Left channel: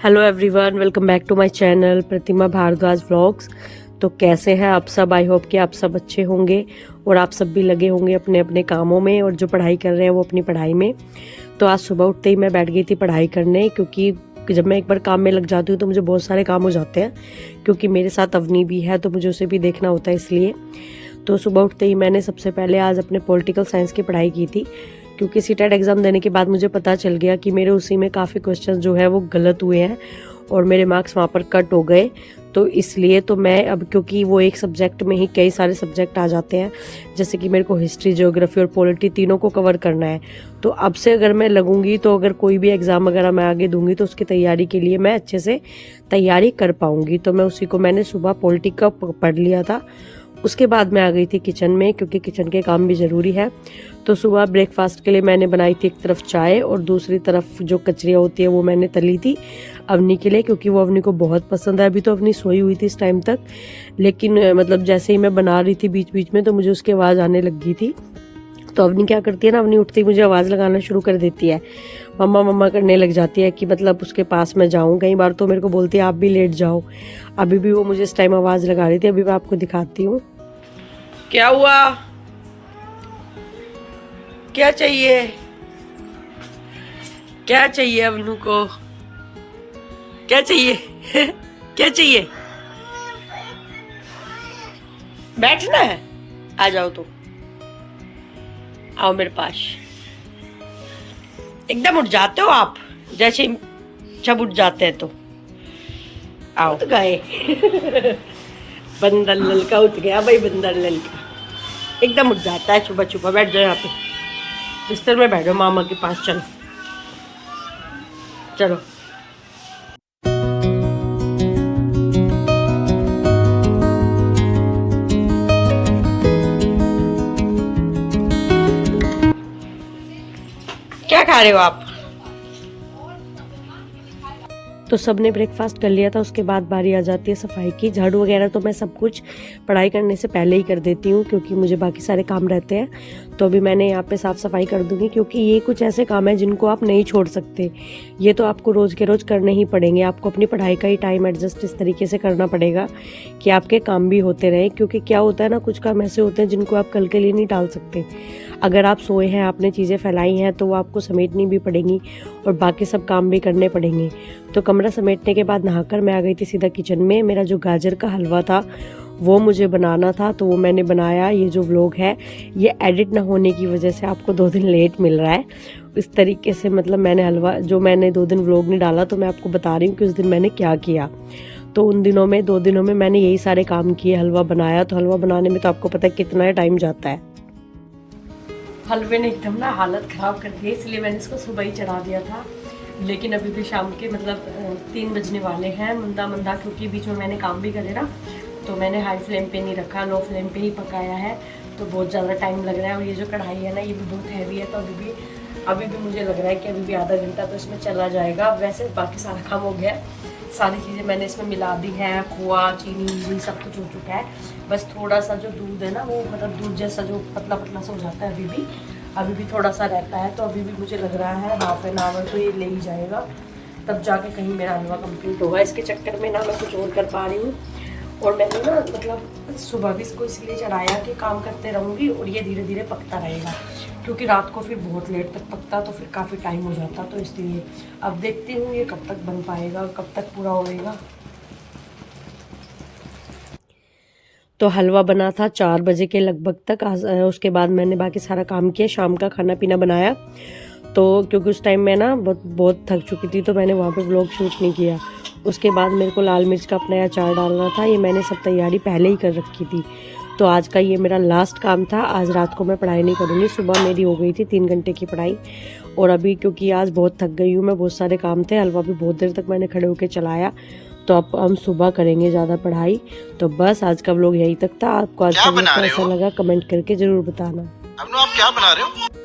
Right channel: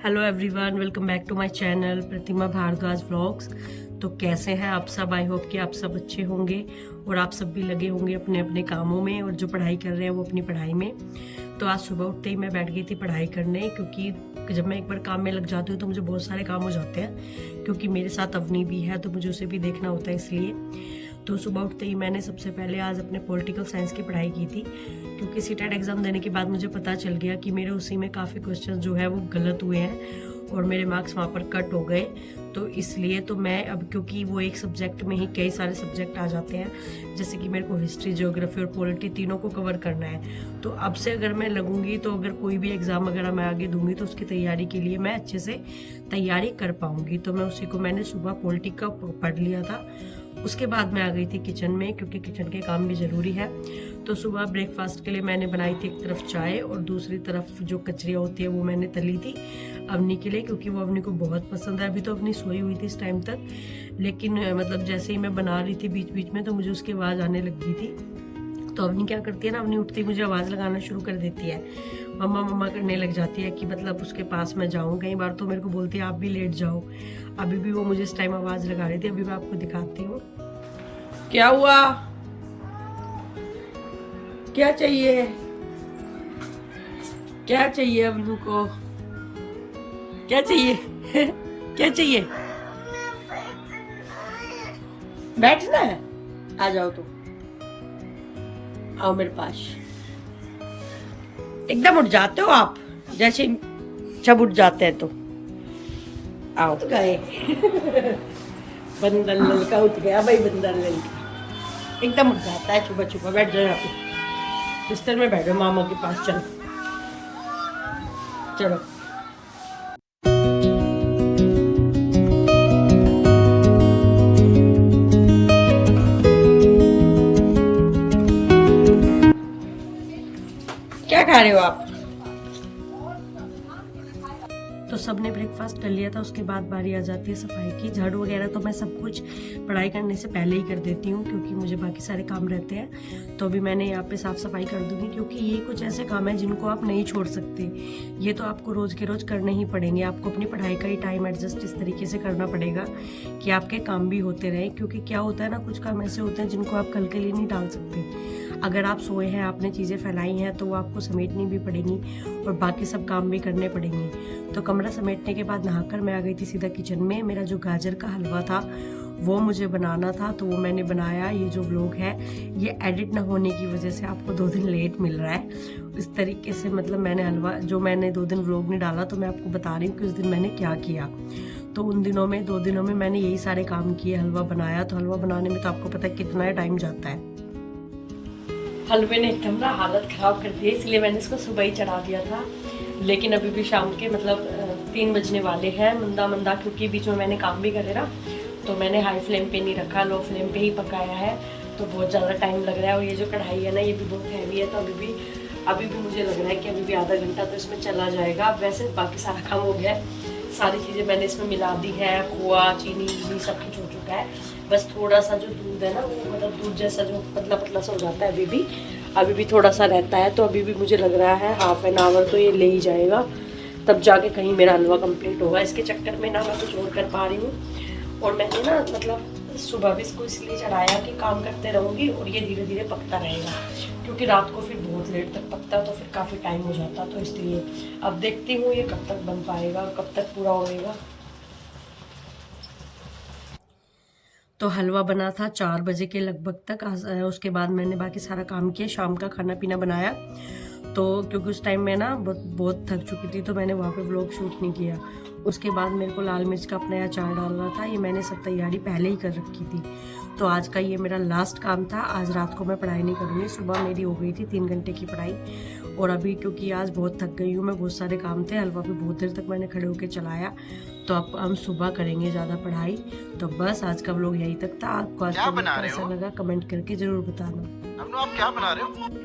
Hello everyone, welcome back to my channel Pratima Bhardwaj vlogs. तो कैसे हैं आप सब? आई होप कि आप सब अच्छे होंगे और आप सब भी लगे होंगे अपने अपने कामों में, और जो पढ़ाई कर रहे हैं वो अपनी पढ़ाई में। तो आज सुबह उठते ही मैं बैठ गई थी पढ़ाई करने, क्योंकि जब मैं एक बार काम में लग जाती हूँ तो मुझे बहुत सारे काम हो जाते हैं, क्योंकि मेरे साथ अवनी भी है तो मुझे उसे भी देखना होता है इसलिए। तो सुबह उठते ही मैंने सबसे पहले आज अपने पॉलिटिकल साइंस की पढ़ाई की थी, क्योंकि सीटेट एग्ज़ाम देने के बाद मुझे पता चल गया कि मेरे उसी में काफ़ी क्वेश्चन जो है वो गलत हुए हैं और मेरे मार्क्स वहाँ पर कट हो गए। तो इसलिए तो मैं अब, क्योंकि वो एक सब्जेक्ट में ही कई सारे सब्जेक्ट आ जाते हैं, जैसे कि मेरे को हिस्ट्री, ज्योग्राफी और पॉलिटी तीनों को कवर करना है। तो अब से अगर मैं लगूंगी तो अगर कोई भी एग्ज़ाम वगैरह मैं आगे दूंगी तो उसकी तैयारी के लिए मैं अच्छे से तैयारी कर पाऊंगी। तो मैं उसी को मैंने सुबह पॉलिटी का पढ़ लिया था। उसके बाद मैं आ गई थी किचन में, क्योंकि किचन के काम भी ज़रूरी है। तो सुबह ब्रेकफास्ट के लिए मैंने बनाई थी एक तरफ चाय और दूसरी तरफ जो कचरियाँ होती है वो मैंने तली थी अवनी के लिए, क्योंकि वो अवनी को बहुत पसंद है। अभी तो अवनी सोई हुई थी इस टाइम तक, लेकिन मतलब जैसे ही मैं बना रही थी बीच बीच में तो मुझे उसकी आवाज़ आने लग गई थी। तो अवनी क्या करती है ना, अवनी उठती ही मुझे आवाज़ लगाना शुरू कर देती है, मम्मा मम्मा करने लग जाती है कि मतलब उसके पास मैं जाऊँ। कई बार तो मेरे को बोलती है आप भी लेट जाओ। अभी भी वो मुझे इस टाइम आवाज़ लगा रही थी, अभी मैं आपको दिखाती हूँ। क्या हुआ? क्या चाहिए? क्या चाहिए अवनू को? क्या चाहिए? क्या चाहिए? बैठना है? आ जाओ तो, आओ मेरे पास। एकदम उठ जाते हो आप, जैसे जब उठ जाते हैं तो आओ। तो गए बंदर ललका उठ गया भाई, बंदर ललका एकदम उठ जाता है सुबह सुबह। बैठ जाओ यहाँ पे बिस्तर में, बैठो मामा के पास। चलो चलो। क्या खा रहे हो आप? तो सबने ब्रेकफास्ट कर लिया था। उसके बाद बारी आ जाती है सफाई की। झाड़ू वगैरह तो मैं सब कुछ पढ़ाई करने से पहले ही कर देती हूँ, क्योंकि मुझे बाकी सारे काम रहते हैं। तो अभी मैंने यहाँ पे साफ सफाई कर दूंगी, क्योंकि ये कुछ ऐसे काम है जिनको आप नहीं छोड़ सकते। ये तो आपको रोज के रोज करने ही पड़ेंगे। आपको अपनी पढ़ाई का ही टाइम एडजस्ट इस तरीके से करना पड़ेगा कि आपके काम भी होते रहे। क्योंकि क्या होता है ना, कुछ काम ऐसे होते हैं जिनको आप कल के लिए नहीं टाल सकते। अगर आप सोए हैं, आपने चीज़ें फैलाई हैं, तो वो आपको समेटनी भी पड़ेंगी और बाकी सब काम भी करने पड़ेंगे। तो कमरा समेटने के बाद नहाकर मैं आ गई थी सीधा किचन में। मेरा जो गाजर का हलवा था वो मुझे बनाना था, तो वो मैंने बनाया। ये जो व्लॉग है ये एडिट ना होने की वजह से आपको 2 दिन लेट मिल रहा है। इस तरीके से मतलब मैंने हलवा, जो मैंने 2 दिन व्लॉग नहीं डाला, तो मैं आपको बता रही हूँ कि उस दिन मैंने क्या किया। तो उन दिनों में 2 दिनों में मैंने यही सारे काम किए। हलवा बनाया, तो हलवा बनाने में तो आपको पता है कितना टाइम जाता है। हलवे ने एकदम ना हालत ख़राब कर दी, इसलिए मैंने इसको सुबह ही चढ़ा दिया था। लेकिन अभी भी शाम के मतलब 3 बजने वाले हैं, मंदा मंदा, क्योंकि बीच में मैंने काम भी करे ना, तो मैंने हाई फ्लेम पे नहीं रखा, लो फ्लेम पे ही पकाया है। तो बहुत ज़्यादा टाइम लग रहा है। और ये जो कढ़ाई है ना, ये भी बहुत हैवी है, तो अभी भी मुझे लग रहा है कि अभी भी आधा घंटा तो इसमें चला जाएगा। वैसे बाकी सारा काम हो गया है, सारी चीज़ें मैंने इसमें मिला दी हैं, खोआ चीनी ये सब कुछ हो चुका है। बस थोड़ा सा जो दूध है ना, वो मतलब दूध जैसा जो पतला पतला सा हो जाता है, अभी भी थोड़ा सा रहता है। तो अभी भी मुझे लग रहा है हाफ एन आवर तो ये ले ही जाएगा, तब जाके कहीं मेरा हलवा कंप्लीट होगा। इसके चक्कर में ना मैं कुछ और कर पा रही हूँ। और मैंने ना मतलब सुबह भी इसको इसलिए चढ़ाया कि काम करते रहूँगी और ये धीरे धीरे पकता रहेगा, क्योंकि रात को फिर बहुत लेट तक पकता तो फिर काफ़ी टाइम हो जाता। तो इसलिए अब देखती हूँ ये कब तक बन पाएगा और कब तक पूरा होएगा। तो हलवा बना था 4 बजे के लगभग तक। उसके बाद मैंने बाकी सारा काम किया, शाम का खाना पीना बनाया। तो क्योंकि उस टाइम मैं ना बहुत थक चुकी थी, तो मैंने वहाँ पे व्लॉग शूट नहीं किया। उसके बाद मेरे को लाल मिर्च का अपना अचार डालना था, ये मैंने सब तैयारी पहले ही कर रखी थी। तो आज का ये मेरा लास्ट काम था। आज रात को मैं पढ़ाई नहीं करूँगी। सुबह मेरी हो गई थी 3 घंटे की पढ़ाई, और अभी क्योंकि आज बहुत थक गई हूँ मैं, बहुत सारे काम थे। हलवा भी बहुत देर तक मैंने खड़े होकर चलाया। तो अब हम सुबह करेंगे ज़्यादा पढ़ाई। तो बस आज का व्लॉग यहीं तक था। आपको आज का व्लॉग कैसा लगा कमेंट करके ज़रूर बताना। अब आप क्या बना रहे हो?